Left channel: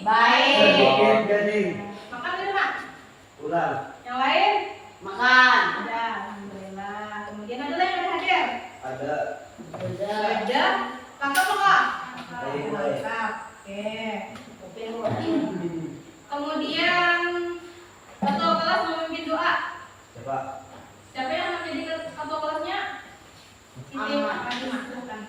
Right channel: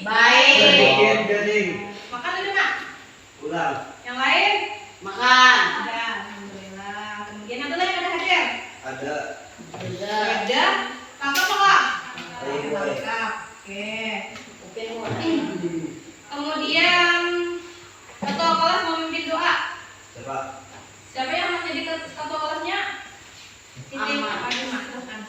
Baik. Sedikit gading. Makan udah, Mak? Ulang. Yang lain? Makan. Ada, alhamdulillah. Kemudian ada lagi yang ada hadir? Ada. Ada. Lengkap nggak? Baik. Lengkap. Oke. Oke, Kemudian ketua kelas memimpin doa. Coba. Siapa yang menjadi ketua kelasnya? Siti. Ahmad. Silakan.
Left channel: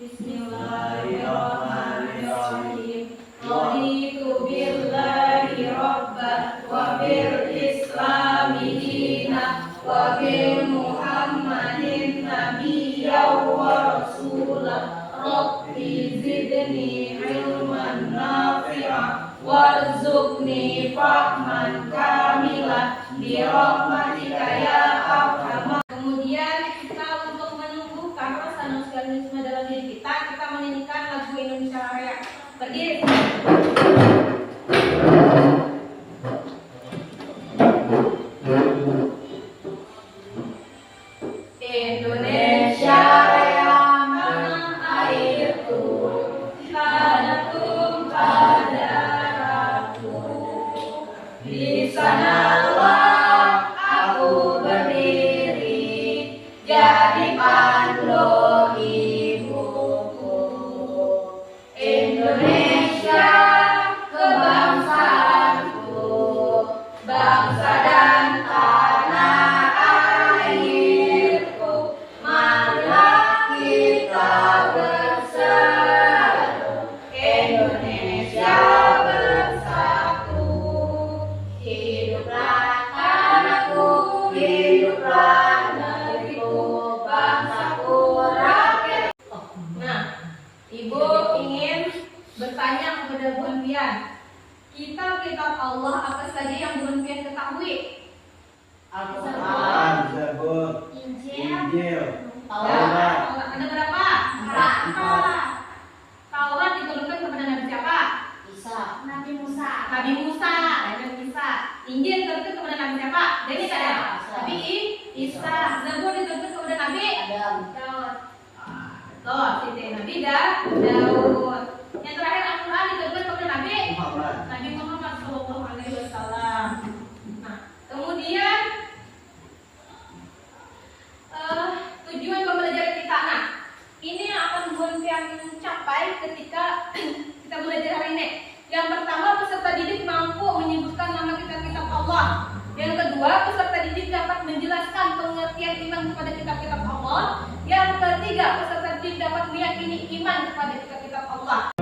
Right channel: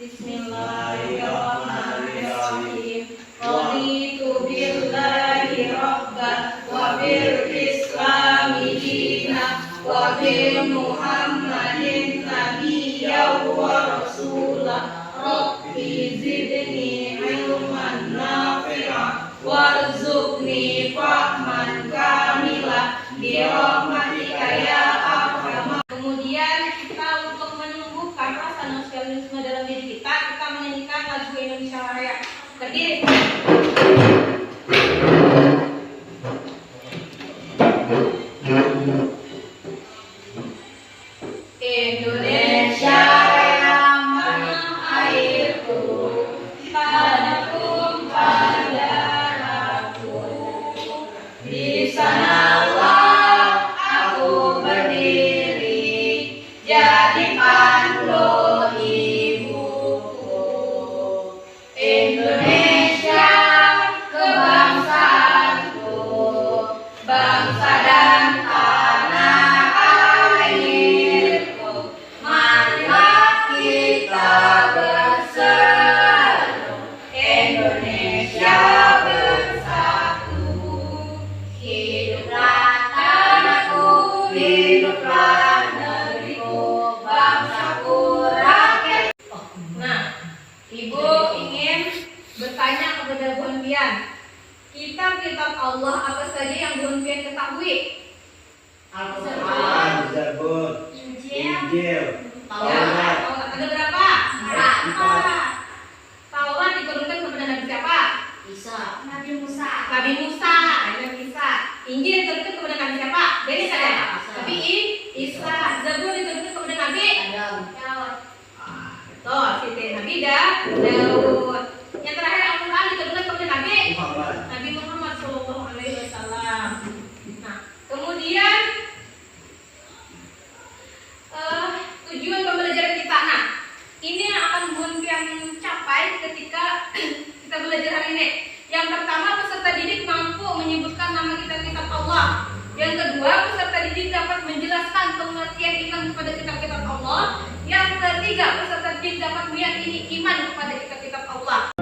Bismillahirrahmanirrahim. Raditu billahi rabban wa bil islami dinan wa bi Muhammadin nabiyyan wa rasulah. Rabbi zidni ilman nafi'an warzuqni fahman kamila bi rahmatika ya arhamar. Kemudian kita untuk menumbuhkan rasa nasionalisme dalam diri kita menyanyikan lagu Indonesia Raya. Berdiri. Indonesia yang tanah airku, padaku pada darahku. Di sanalah aku berdiri, jadi pandu ibuku. Indonesia kebangsaanku, bangsa dan tanah airku. Marilah kita berseru, Indonesia bersatu. Hiduplah tanahku, hiduplah negeriku, bangsaku, rakyat. Nah, Ibu ingin bertanya kepada Bu Henpian, kitab-kitab Allah apa saja yang Bu Henpian ketahui? Al-Quran. Zabur. Injil. Taurat. Ada berapa? Empat. Taurat diturunkan kepada Nabi siapa? Isa. Nabi Musa. Nabi Musa. Injil diturunkan kepada Nabi siapa? Jadi saya. Nabi Isa. Zabur diturunkan kepada Nabi Adam. Daud. Betul, Siti. Nabi Daud. Yang terakhir Al-Quran diturunkan kepada Nabi Muhammad Shallallahu Alaihi Wasallam. Nah, kemudian tujuan pembelajaran kita. Nah, ini yang akan Bu Henpian capai ketika kita belajar hari ini. Yang pertama, peserta didik mampu menyebutkan nama kitab-kitab Allah. Yang kedua, peserta didik dapat menjelaskan pengertian iman kepada kitab-kitab Allah. Yang ketiga, peserta didik dapat meyakini iman kepada kitab-kitab Allah.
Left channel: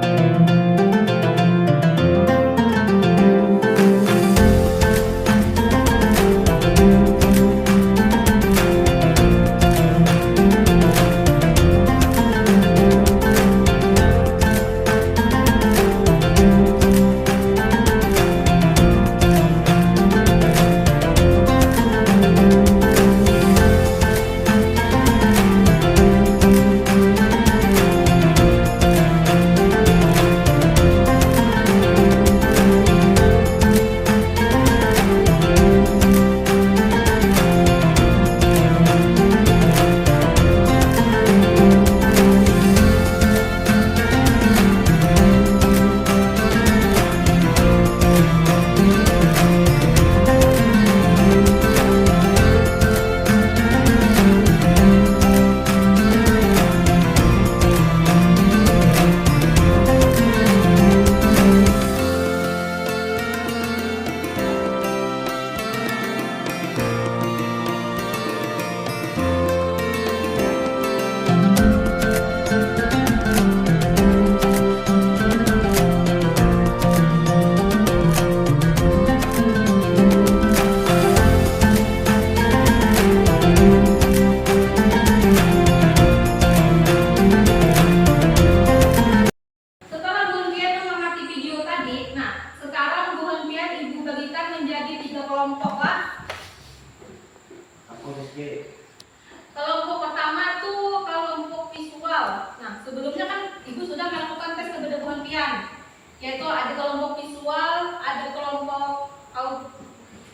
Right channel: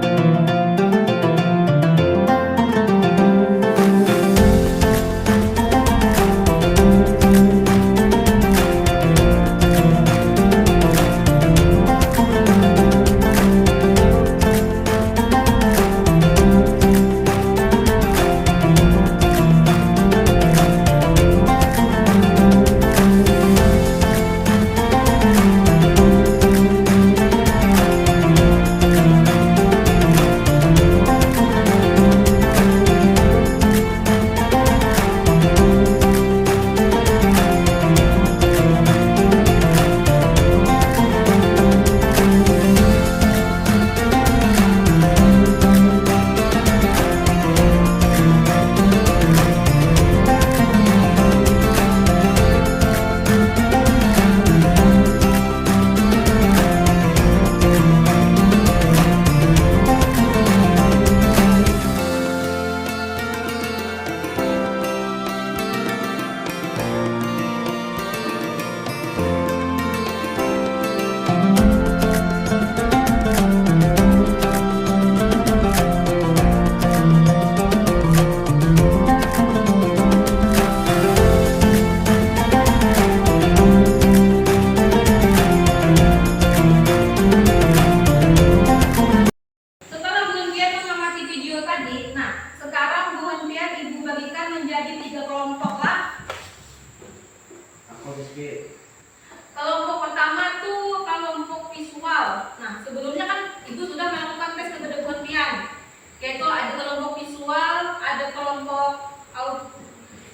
Kelompok pertama tuh kelompok visual. Nah, sebelumnya kan Ibu sudah melakukan tes kepada Bu Henpian, yaitu ada kelompok visual, ada kelompok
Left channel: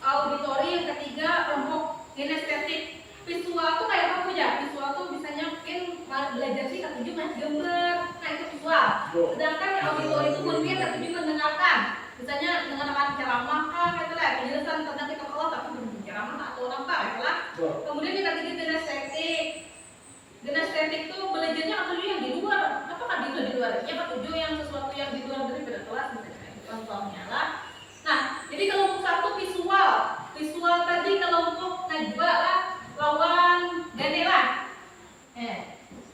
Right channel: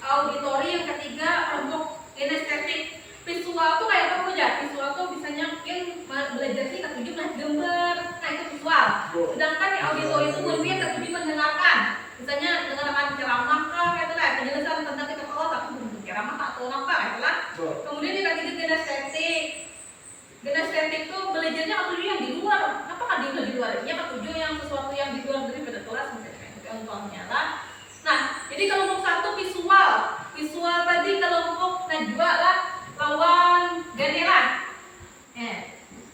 auditori, yang ketiga kelompok kinestetik. Visual tuh kayak apa aja? Visual tuh misalnya mungkin belajar sih ketujuh mas gambar. Nah, itu visual. Sedangkan yang auditori itu mungkin lebih mendengarkan. Misalnya dengarkan ceramah kah, gitu lah, penjelasan tentang kitab Allah tapi ceramah tak tahu apa, gitu lah. Kemudian kita gitu kinestetik. Kinestetik itu belajarnya apa dulu yang di luar? Apa kan di luar? Ya ketujuh yang sesuatu yang di luar dari beda kelas misalnya. Contohnya lah. Nah, jadi kelompok satu visual. Visual tadi kelompok najwa lah, lawan gane lah.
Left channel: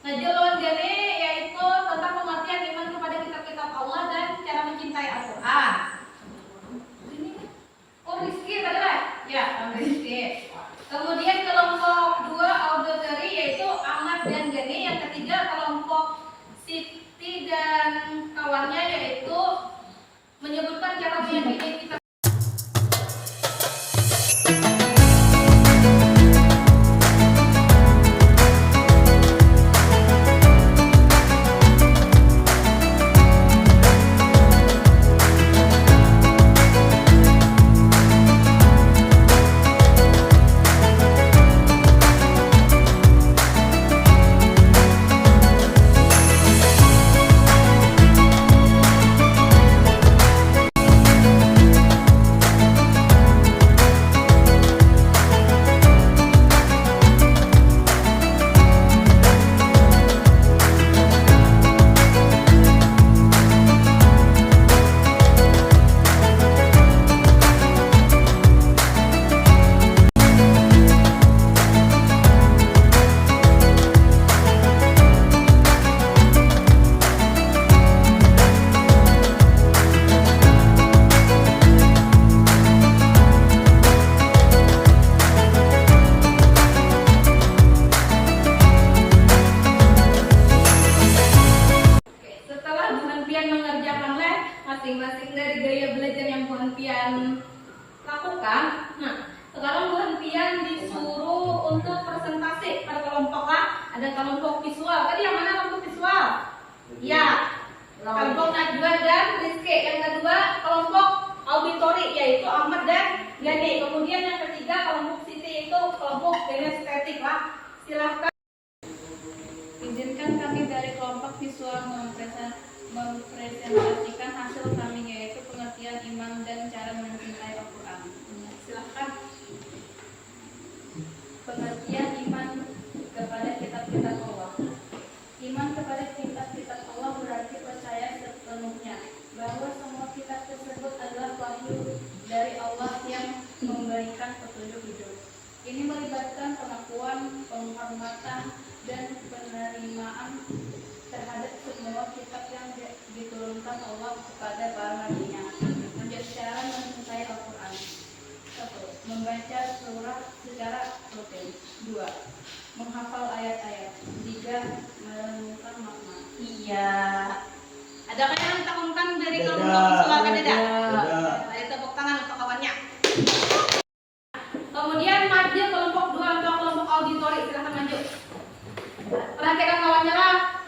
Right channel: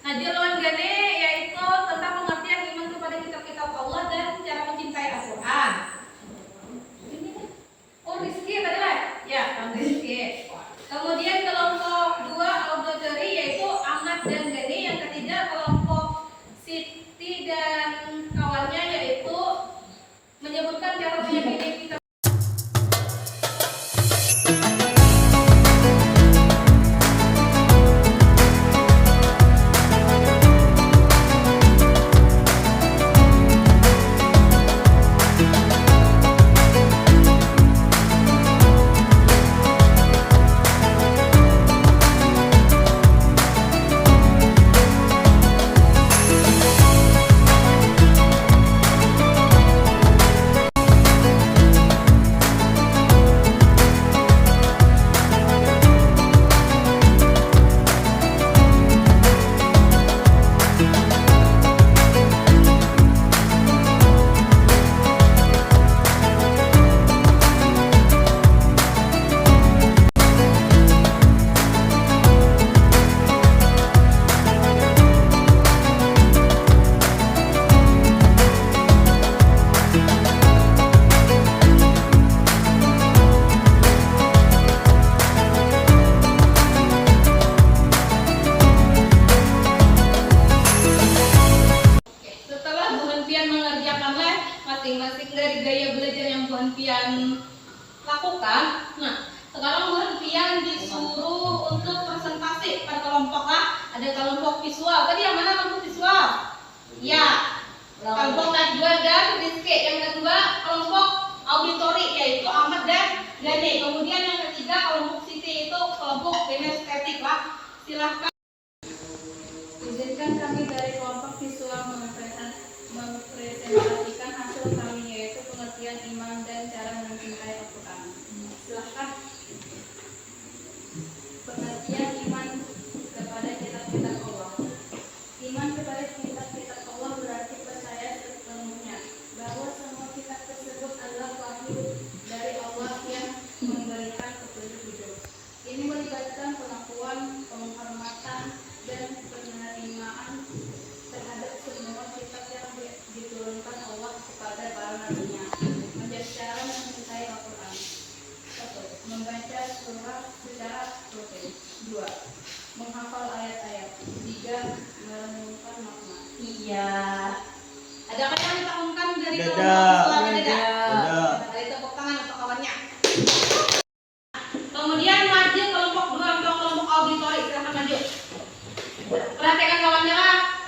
Najwa lawan gane yaitu tentang pengertian iman kepada kitab-kitab Allah dan cara mencintai Al-Quran. Oh, Rizky tadi lah? Ya, Rizky. Kemudian kelompok dua auditory yaitu Ahmad dan Gani. Yang ketiga kelompok Siti dan kawannya yaitu menyebutkan cara meyakini kitab. Masing-masing dari gaya belajar yang Bu Hanfian lakukan. Nah, sekarang Bu Hanfian disuruh untuk presentasi pada kelompok lah. Ada kelompok visual. Tadi yang mana kelompok visual? Ya, kelompok Najwa dan Rizky. Yang kedua kelompok auditori yaitu Ahmad dan Gani. Kemudian yang ketiga kelompok Siti itu kelompok kinestetik lah. Silahkan. Izinkan kami dari kelompok visual mempresentasikan hasil kami yaitu pengertian iman dan cara mencintai Al-Quran. Silahkan. Pengertian iman kepada kitab-kitab Allah. Iman kepada kitab-kitab Allah berarti percaya sepenuhnya bahwa semua kitab tersebut adalah wahyu dari Allah yang memberikan petunjuk hidup. Ini melibatkan pengakuan, penghormatan, dan penerimaan terhadap semua kitab yang diturunkan Allah kepada para nabinya. Menjadi cara mencintai Al-Quran. 1. Membaca surah secara rutin. 2. Menghafal ayat-ayat. 3. Merenungkan makna. Iya. Adakah yang ditakunkan dari kelompok suara tidak? Ada tepuk tangan untuk kawannya. Kemudian maju kelompok 2 atau kelompok auditori. Silahkan maju. Perhatikan kawannya lah.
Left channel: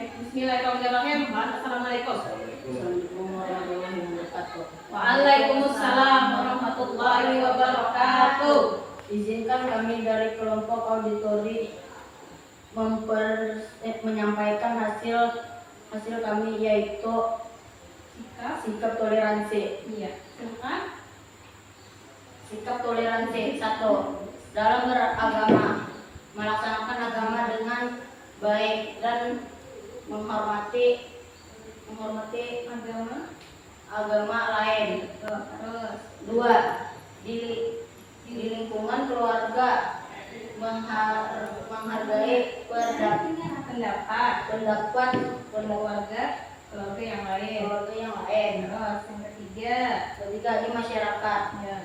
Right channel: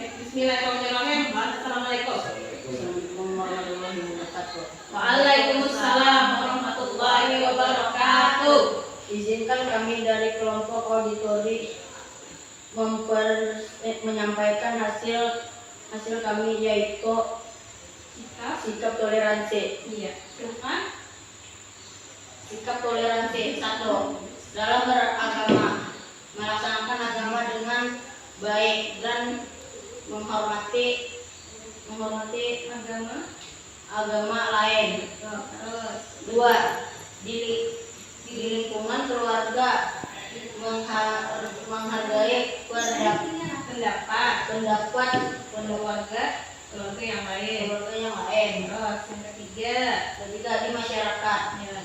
Bismillahirrahmanirrahim. Assalamualaikum. Waalaikumsalam warahmatullahi wabarakatuh. Izinkan kami dari kelompok auditori menyampaikan hasil kami yaitu sikap toleransi. Iya. Silakan. Sikap toleransi. 1. Dalam beragama, melaksanakan agama dengan baik dan menghormati agama lain. Terus 2. Di lingkungan keluarga menghargai pendapat keluarga yang lain. Terus yang ketiga di masyarakat, ya,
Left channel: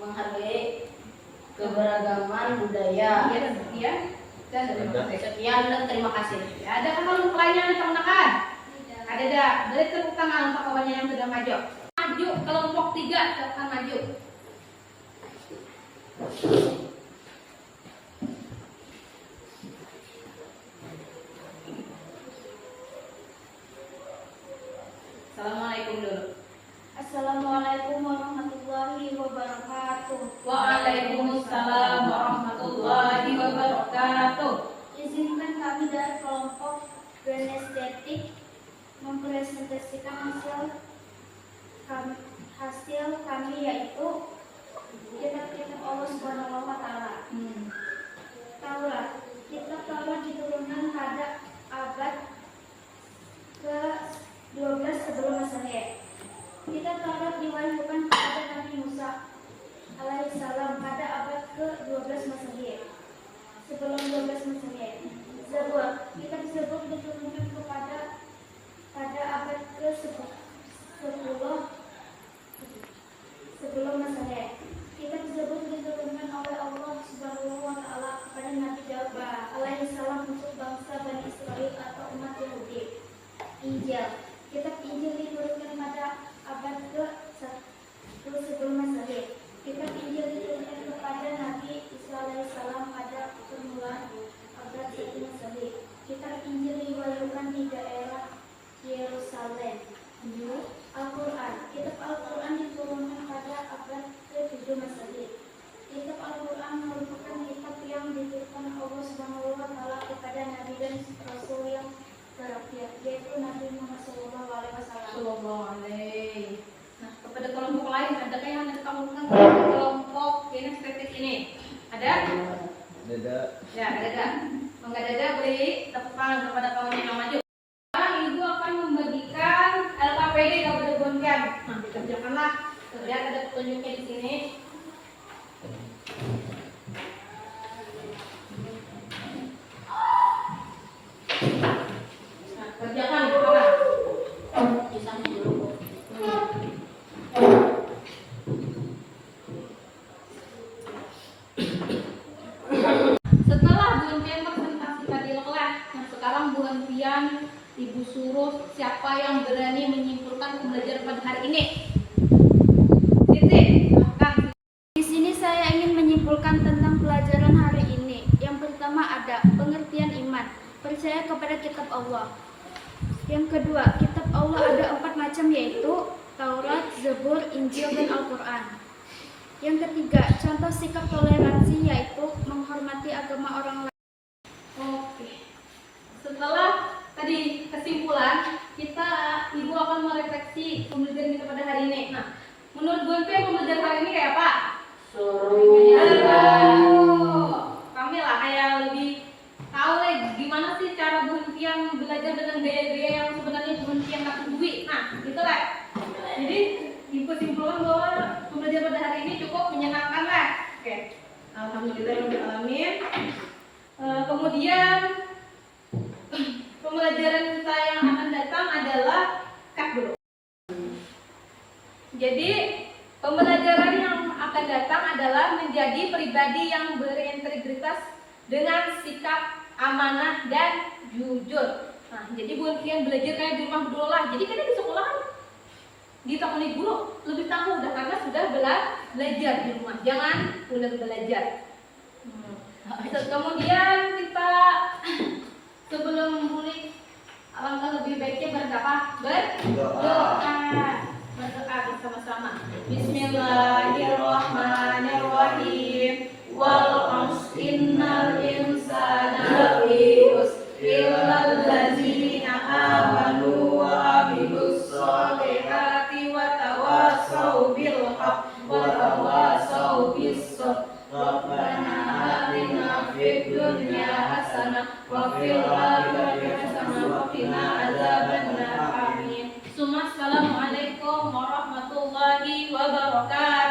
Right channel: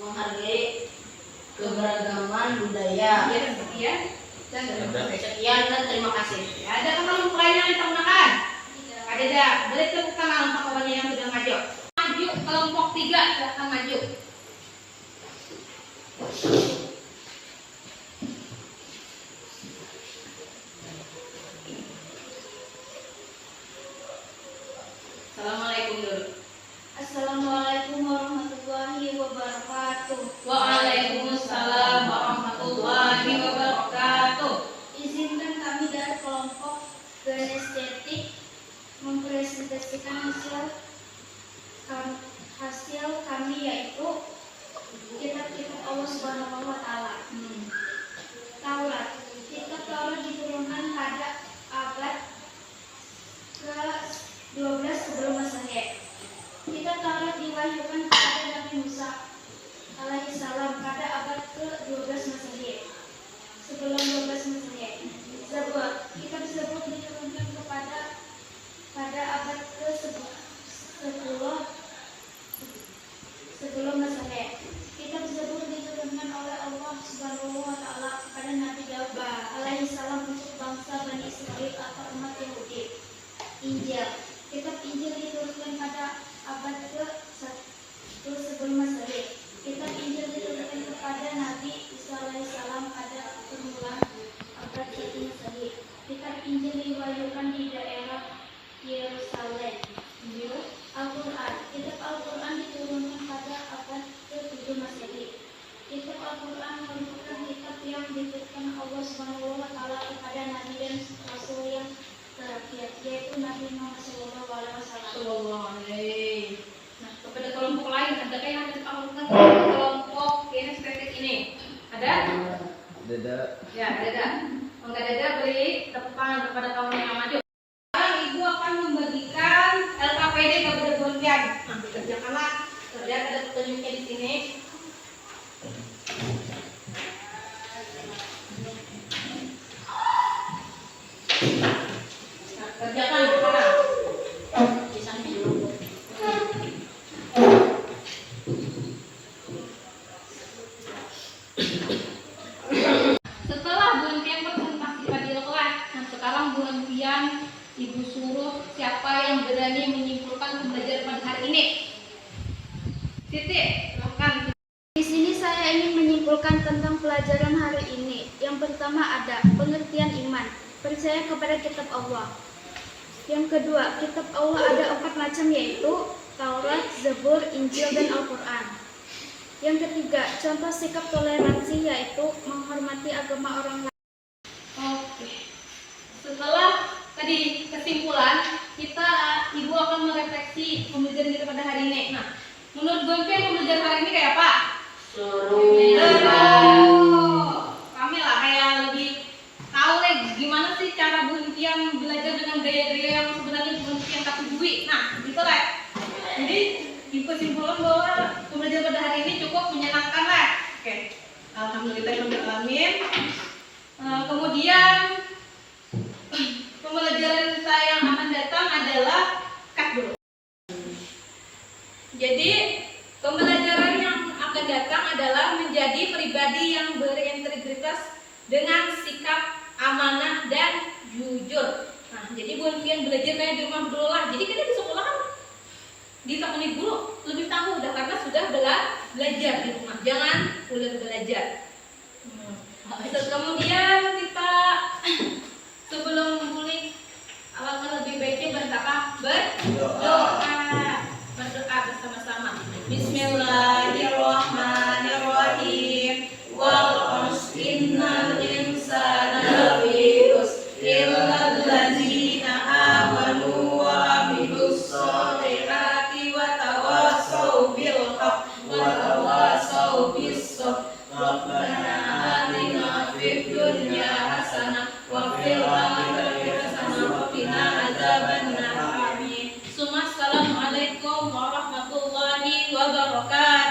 menghargai keberagaman budaya. Sekian dan terima kasih. Ya, ada kelompok lain yang ditemukan? Ada dah. Boleh tepuk tangan untuk kawannya yang sudah maju. Maju kelompok 3, silahkan maju. Assalamualaikum dulu. Assalamualaikum warahmatullahi wabarakatuh. Waalaikumsalam warahmatullahi wabarakatuh. Izinkan kami dari kelompok Genestetik mempresentasikan hasil kami yaitu kitab-kitab Allah Subhanahu wa taala. Taurat. Kitab Taurat diturunkan pada abad ke-12 sebelum Masehi. Kitab Taurat diwahyukan kepada Nabi Musa alaihissalam pada abad ke-12 Masehi. Sebelum 12 Masehi. Zabur. Kitab Zabur diturunkan pada abad ke-10 sebelum Masehi. Kitab Zabur diturunkan oleh Allah Subhanahu wa taala kepada Nabi Daud alaihissalam untuk bangsa Bani Israel atau umat Yahudi. Injil. Kitab Injil diturunkan pada abad ke-1 sebelum Masehi. Kitab Injil diturunkan kepada Nabi Isa alaihissalam pada permulaan abad 1 Masehi. Kitab Injil diwahyukan di daerah Yerusalem. Al-Quran. Kitab Al-Quran diturunkan pada abad ke-7 Masehi. Kitab Al-Quran merupakan kitab yang diturunkan Allah Subhanahu wa taala kepada nabi dan rasul yang terakhir, yaitu Nabi Muhammad SAW. Nah, kepada kelompok lain adakah yang ada kelompok kelompok kinestetik ini? Ada? Ada. Ya, ada. Kalau nggak ada, beri tepukan kepada kawan yang maju. Sekarang ibu akan membagikan LKPD yang bergontian. Nah, dikerjakanlah. Lihat ada petunjuknya di sini. Nah, kerjakan di mana? Di sana dulu. Setelah Bu Impian presentasi tadi kelas, nah sekarang Bu Impian Ibu suruh siapa yang berani menyimpulkan pembelajaran pada hari ini. Titik, silakan. Di sini saya ingin menyimpulkan tentang pelajaran hari ini. Yang pertama ada pengertian iman, percaya kepada kitab Allah. Yang kedua, kitab Allah ada 4 macam yaitu Taurat, Zabur, Injil, dan Al-Quran. Yang ketiga, contoh sikap toleransi yaitu menghormati agama orang lain. Oke. Setelah tadi kesimpulan, ibu akan merefleksi pembelajaran kita pada hari ini. Nah, menurut Bu Impian pembelajaran hari ini kayak apa? Seru. Kami lah kayak lebih tahu nih gimana sih cara Bu Impian belajar dengan gaya-gaya yang sebenarnya Bu Impian tak peduli. Nah, gitu lah. Jadi kesimpulan bahwa pembelajaran pada hari ini cukup menyenangkan lah. Oke. Alhamdulillahirobbilalamin. Kemudian pembelajaran kita yang akan datang adalah cut dulu. Jadi pembelajaran yang akan datang adalah menjadi pribadi yang berintegritas dengan sikap amanah dan jujur. Nah, jadi Bu Impian belajar kayak di rumah dulu lah. Jadi kita di sekolah kan ditemani guru lebih tahu udah karena sudah belajar di rumah. Jangan pulang belajar. Kemudian kita sebelum mulai alangkah lebih baiknya berdoa bersama-sama. Bismillahirrahmanirrahim. Wal innal insana lafi khusr illal ladzina amanu wa amilus sholihati wa tawassaw bil haqq wa tawassaw bis sabr. Rabbana atina fid dunya hasanah wa fil akhirati hasanah wa qina adzabannar. Amin. Assalamualaikum warahmatullahi wabarakatuh.